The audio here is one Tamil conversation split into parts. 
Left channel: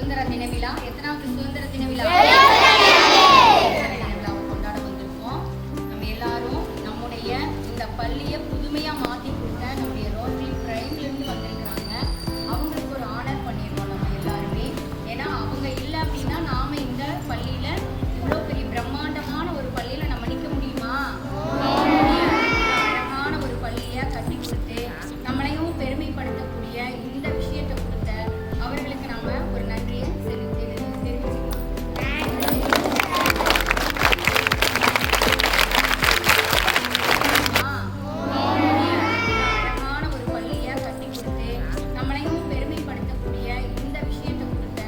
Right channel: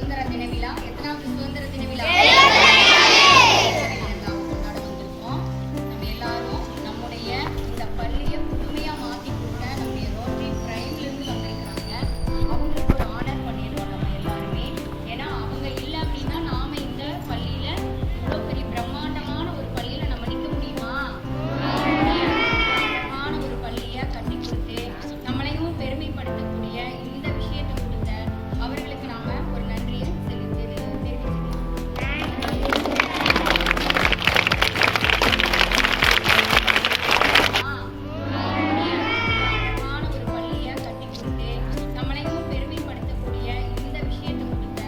சுதந்திர தின விழா. எத்தனாவது சுதந்திர தின விழா? விழாவை கொண்டாட வந்திருக்கோம். நம்ம எல்லாரும் நம்முடைய இந்த பள்ளியை புதுமையா மாற்றி கொடுத்த நம்முடைய ரோட்டரி பிரைம்லேருந்து வந்திருக்கிறாங்க. அவங்களுக்கு ஒரு ஆனர் பண்ணிடுவோம் நம்ம எல்லாருமே. ஏன்னா அவங்க இல்லை அப்படின்னா நாம இந்த பள்ளியில இவ்வளோ பெரிய பிரம்மாண்டமான ஒரு பள்ளியில நம்ம நிற்க முடியுமா? அழகான ஒரு பள்ளியை கட்டி கொடுத்து நம்மளையும் பெருமைப்படுத்தக்கூடிய இந்த விஷயத்தை கொடுத்த அவர்களுக்கு நாம ஒரு நன்றியை தெரிவிச்சுக்கலாம். அழகான ஒரு பள்ளியை கட்டி கொடுத்து நம்மளையும் பெருமைப்படுத்தக்கூடிய இந்த விஷயத்தை கொடுத்த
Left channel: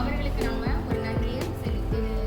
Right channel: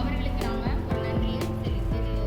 அவர்களுக்கு நாம ஒரு நன்றியை தெரிவிச்சுக்கலாம்.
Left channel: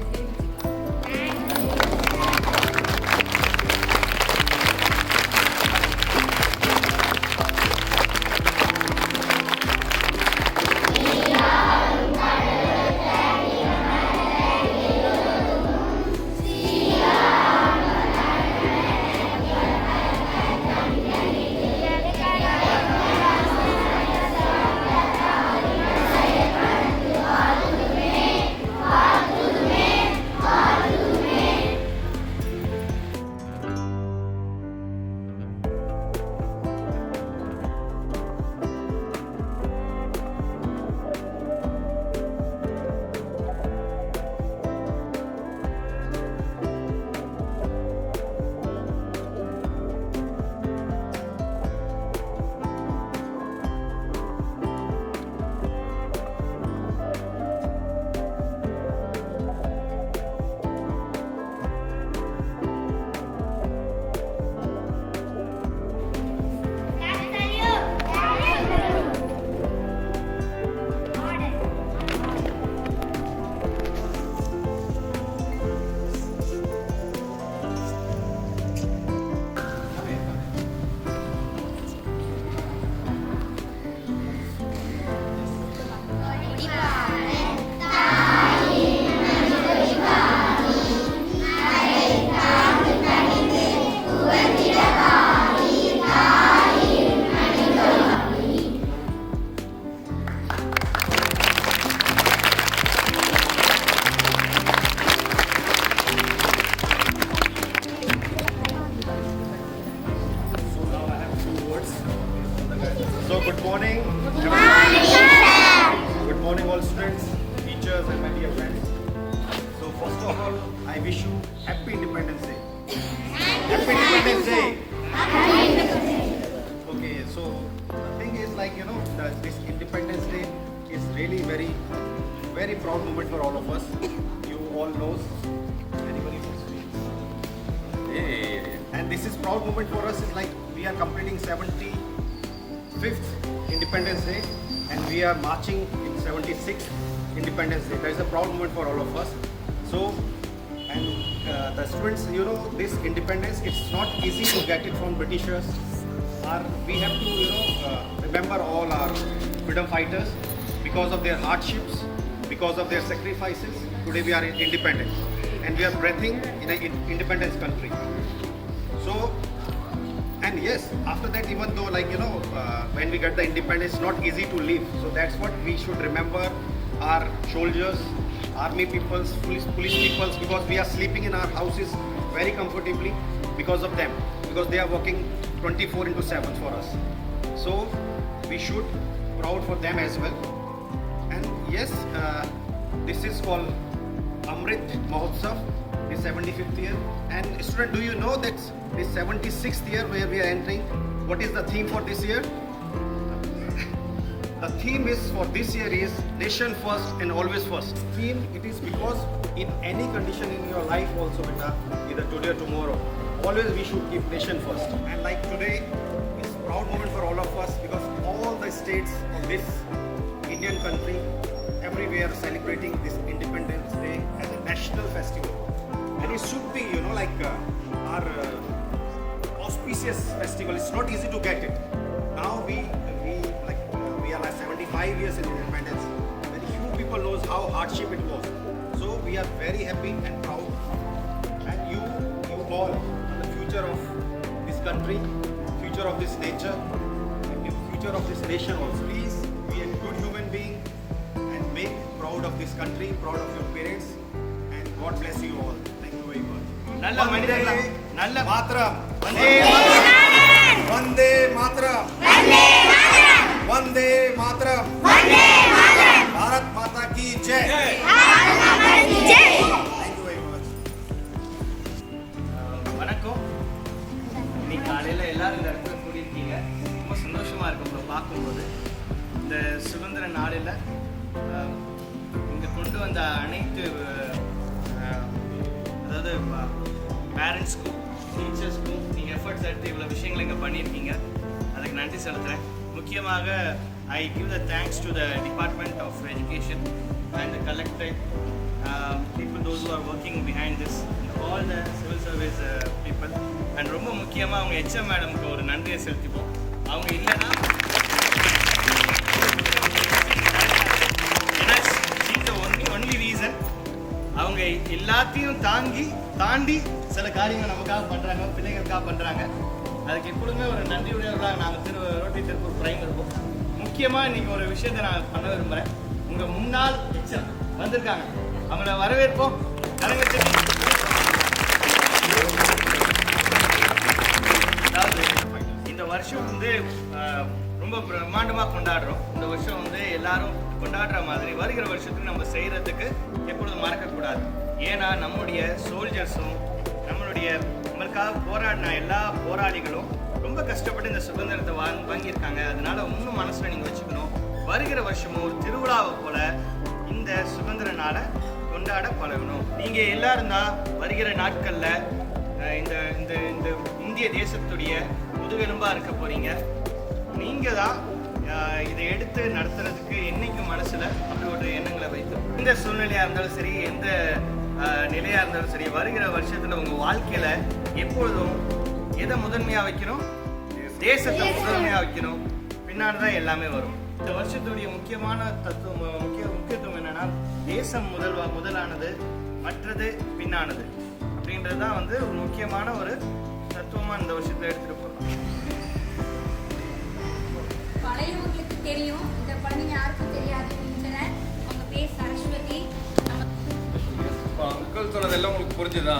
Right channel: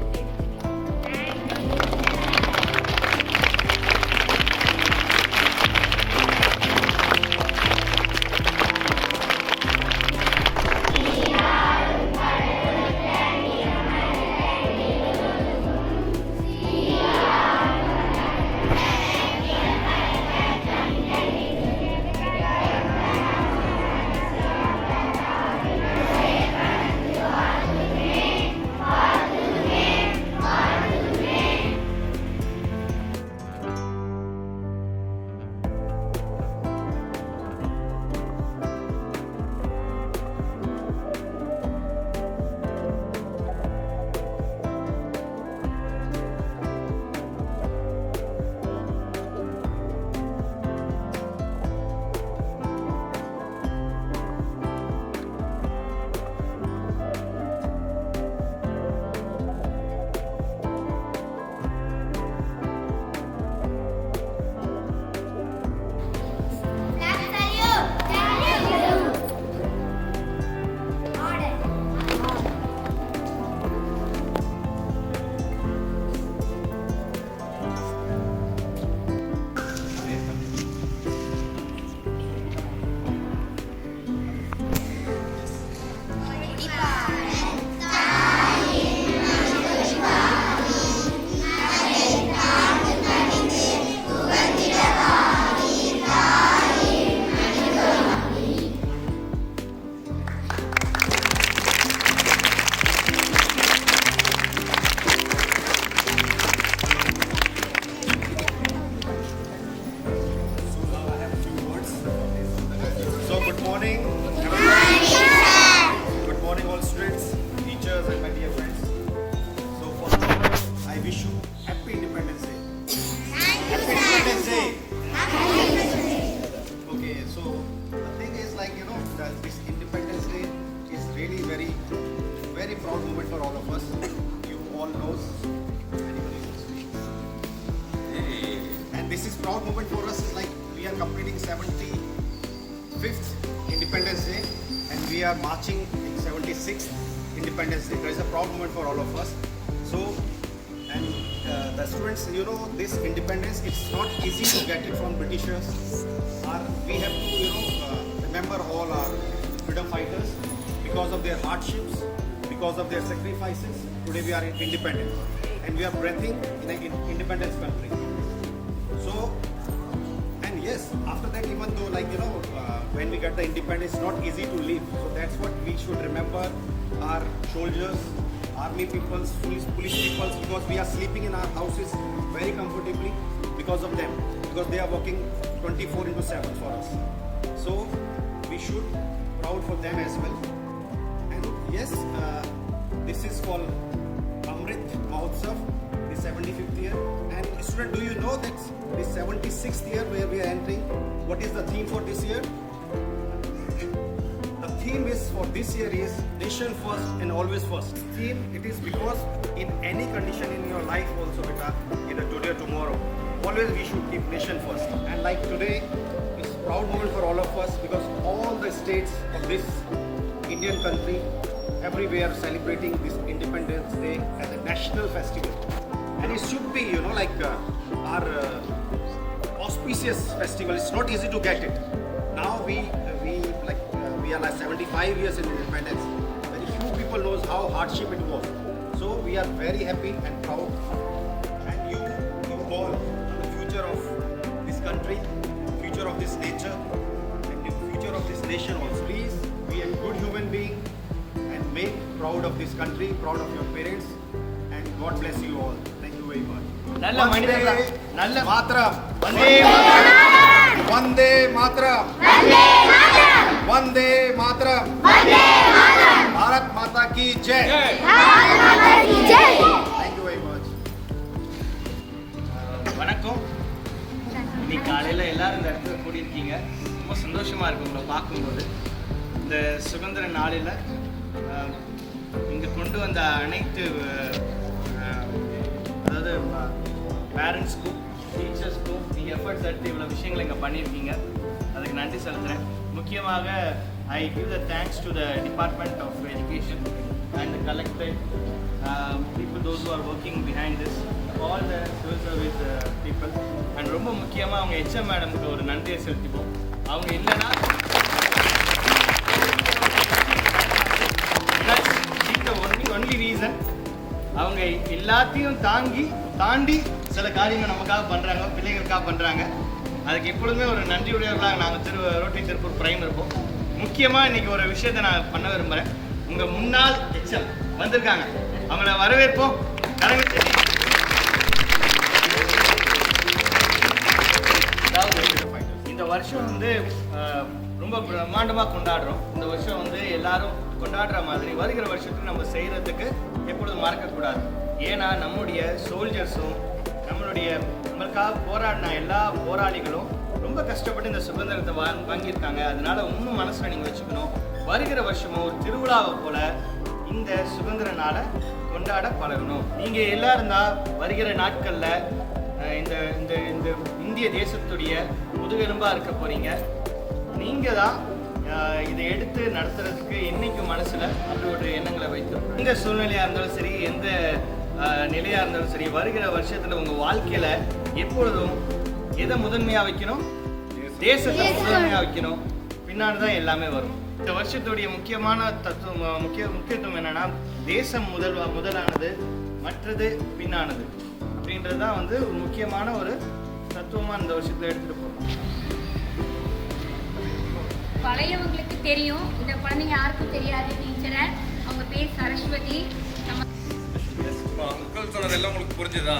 So good morning, everyone. Good morning, all students, teachers, and my dear friends. So first of all, I wish you Happy Independence Day. Happy Independence Day. Okay, so the thing is, this Independence Day is really very proud moment for all of us. You all knows. Anybody wants to speak? Hey. And this is proud moment for us. Is like we are completing 75th Independence Day, and we are marching in 76th Independence Day. That is a proud moment for all of us. So, and the students, this independence, it's not easy to get it from Britishers. We have to, remember all our freedom fighters. Because of their hardships, because of their sacrifices, today we are independent, and we are breathing in an independence country. So, and yes, after that, even though when we get the independence, it's not easy to live. So that's what we should remember our soldiers, army peoples, police peoples, because we are sleeping in our houses very comfortably because of them, because they are working 24/7 for us. So we should proud for them as well. And yes, this is called Amrit Mahotsav, the 75th year. And student, do you know that this 76th year where we are entering, what is the theme for this year? The theme is for this year is nation first and always first. Theme it is because in any condition in your life also, beta, either today or tomorrow, always we should keep nation first. And like today, it's a proud moment for all of us because all the states of this Indian country, everywhere celebrating this Independence Day as a national festival. And it should be, our auspicious festival. It's not easy to get it. Now we are like 75 years in independence. Very few people knows how hardship it was. So we are very happy and proud. And you all are the future of this country, future of this nature, and the future of this nation also. Please be a good human being and make proud of this country, proud of your parents, and God bless you all. Thank you very much. நல்ல மனிதர்கள் நல்ல Matram. Vande Mataram Vande Matram. Vande Matram. Bharat Mata ki Jai. Thank you very much. வணக்கம். இன்னைக்கு காலையில் எல்லாரும் இந்த இடத்துல கூடியிருக்கீங்க. ரொம்ப சந்தோஷமாக இருக்கு உங்களை பார்க்கும்போது. இந்த சுதந்திர நாளில் இங்கே கொண்டு வந்த அனைத்து அதாவது பேரண்ட்ஸ்க்கும் டீச்சர்ஸ்க்கும் நீங்கள் எஃபர்ட்ஸ் எடுத்து இவ்வளோ விஷயங்களை இங்கே பண்ணியிருக்கீங்க. அதுக்கு நன்றி செலுத்துகிறேன். முக்கியமாக I give the thanks to the Department of Education and the collected people, those who are working behind this, and all the civil service people. And ரொம்ப முக்கியமாக அவங்க HM மேடமுக்கு ஒரு நன்றியை செலுத்திப்போம். அவங்க இல்லைன்னா only reason அவங்க எல்லாத்தையும் தாண்டி சில காரியங்கள் நமக்காக பண்ணுறாங்க, பிள்ளைங்களுக்காக பண்ணுறாங்க. அதுக்கு எப்பொழுதுமே ஒரு நன்றியுடையவர்களாக நாங்கள் ரோட்டரி திருப்பூர் பிரைம் இருப்போம். முக்கியமாக இன்றைக்கி ஒரு விஷயத்தை நான் பண்ண விரும்புகிறேன். உங்கள் முன்னாள் HM வந்திருக்காங்க, அவங்கள வரவேற்போம். அதாவது இந்த வருஷம் வந்து ரொம்ப பிரம்மாண்டமாக கொண்டாடுறோம். இந்த வருஷம் வந்து எல்லாரும் கொண்டாடுற மாதிரி வருகிற வருஷத்துக்கு நம்ம செய்கிறதுக்கு எப்பொழுதும் மறக்கக்கூடாது. ஏன்னா நம்முடைய சோல்ஜர்ஸும் நம்மளுக்காக போராடின எல்லா போராளிகளும் ரொம்ப கஷ்டப்பட்டு இந்த சுதந்திரத்தை வாங்கியிருக்காங்க. அதனால இன்னும் மனசில் நீங்கள் வச்சுக்கணும். வருகிற வருஷமும் ஒரு திருவிழாவை போல் இந்த சுதந்திர நாளை கொண்டாட பழகணும். நீங்கள் எல்லாரும் தான் வருகிற நாட்களில் இந்த இந்த இந்த இந்திய தேசத்துடைய முதுகெலும்பாக இருக்க போகிறீங்க. நீங்கள் தான் இதை எடுத்து நடத்துறதுக்கு என்னைக்கு மனசில் அப்படி ஒரு எண்ணங்களை வைத்திருக்கணும். எந்த சூழ்நிலையாக இருந்தாலும் சரி, எந்த நிலையாக இருந்தாலும் சரி, வருகிற வருஷத்தில் உங்கள் வாழ்க்கையில் எப்பொழுதும் எதை முதன்மையாக வைக்கணும்? தேசத்தை முதன்மையாக வைக்கணும். பின்னாடி தான் எல்லாமே வரும். இந்த வருஷத்துடைய முக்கியமான முக்கியத்துவம் என்னென்னா, தேசம் முதலானது, மற்றது பின்னானது அப்படின்றது தான் வந்து ஒரு முக்கியமான ஒரு தத்துவமாக இந்த வருஷத்தில் எடுத்துகிட்டு போகிறோம். பழையவங்களுக்கு தெரியும், இந்த குழந்தைங்க யாருக்கும் தெரியாது. டீச்சரை அவங்க பேர் சரஸ்வதி. அங்கிள் சொன்னதெல்லாம் உங்களுக்கு புரிஞ்சுதா?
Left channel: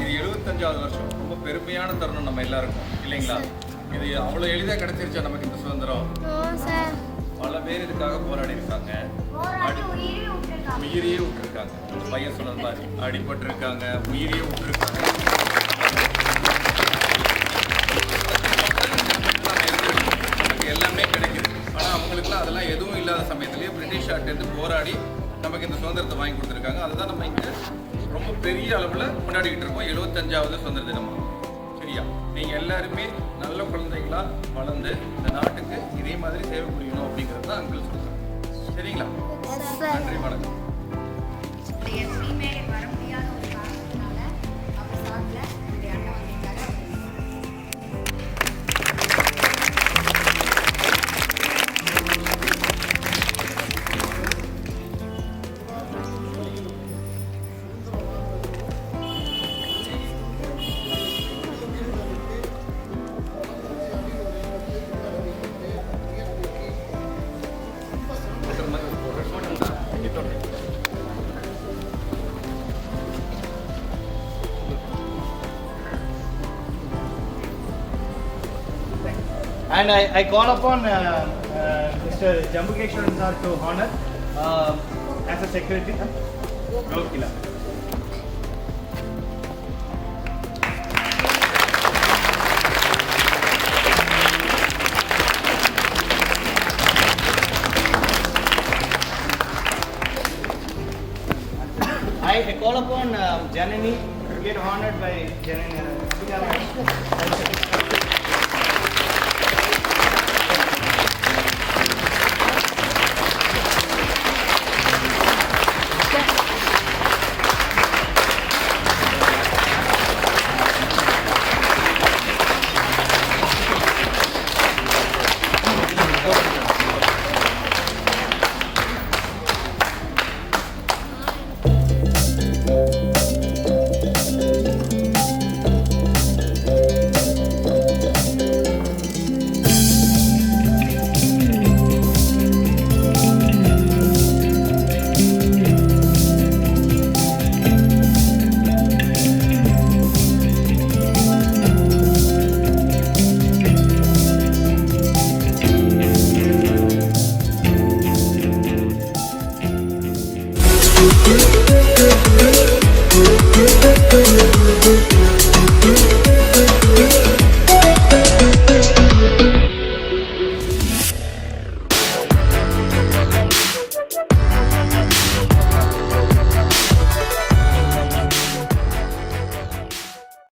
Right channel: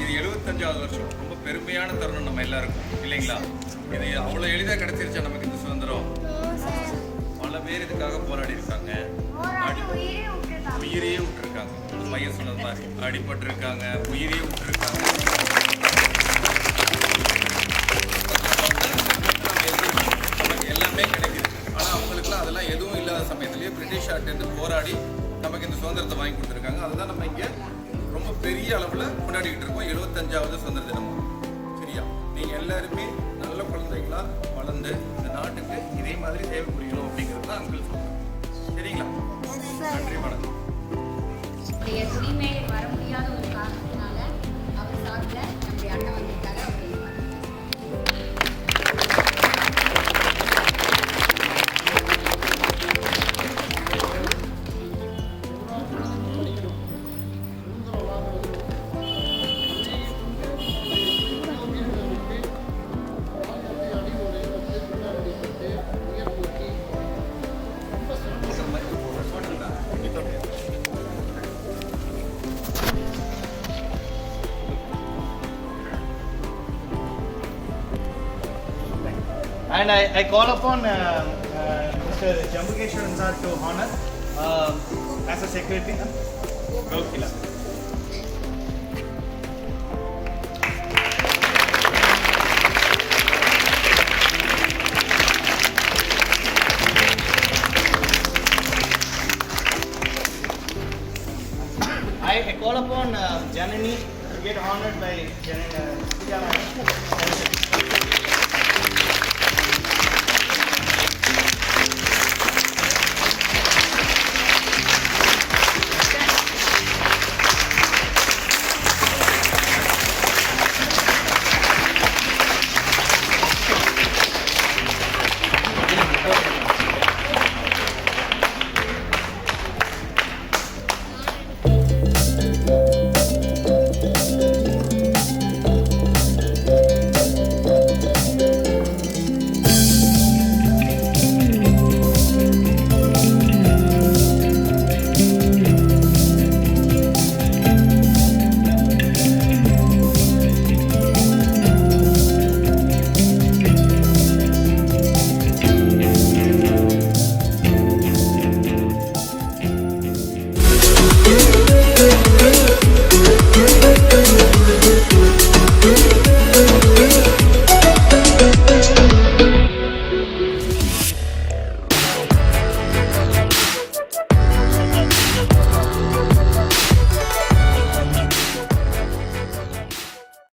இது 75வது வருஷம். ரொம்ப பெருமையான தருணம் நம்ம எல்லாருக்கும், இல்லைங்களா? இது அவ்வளோ எளிதாக கிடைச்சிருச்சா நமக்கு இந்த சுதந்திரம்? பல பேர் இதுக்காக போராடி இருக்காங்க, உயிரையே விட்டுருக்காங்க. அந்த பையன் சொன்னது மாதிரி அடிபட்டு இருக்காங்க, உயிரையே விட்டுருக்காங்க. நமக்கு எல்லாமே கிடைக்குது. ஆனால் அவங்களுக்குலாம் அதெல்லாம் எதுவும் இல்லாத சமயத்துலேயே பிரிட்டிஷ் ஆர்ட்டேருந்து போராடி நமக்கு இந்த சுதந்திரத்தை வாங்கி கொடுத்துருக்காங்க. அதுதான் நம்ம இங்கே ரொம்ப பெரிய அளவில் கொண்டாடிக்கிட்டு இருக்கோம். 75வது சுதந்திர தினமாக. சரியா? நீங்கள் எல்லாருமே நல்ல குழந்தைகளாக வளர்ந்து இந்த நாட்டுக்கு இதே மாதிரி சேவை புரியணும் அப்படிங்கிறது தான் அங்கிள் சொல்கிறேன். சரிங்களா? நன்றி, வணக்கம். துணிமேலே வர முடியாத ஒரு காரணத்தினால அவர் சார்பில் நம்முடைய அண்ணன் வந்திருக்காரு. And I call upon Mr. Jambukeshwaran sir to honor as a secretary. Gokila. I call upon Janani to get honored by Janani.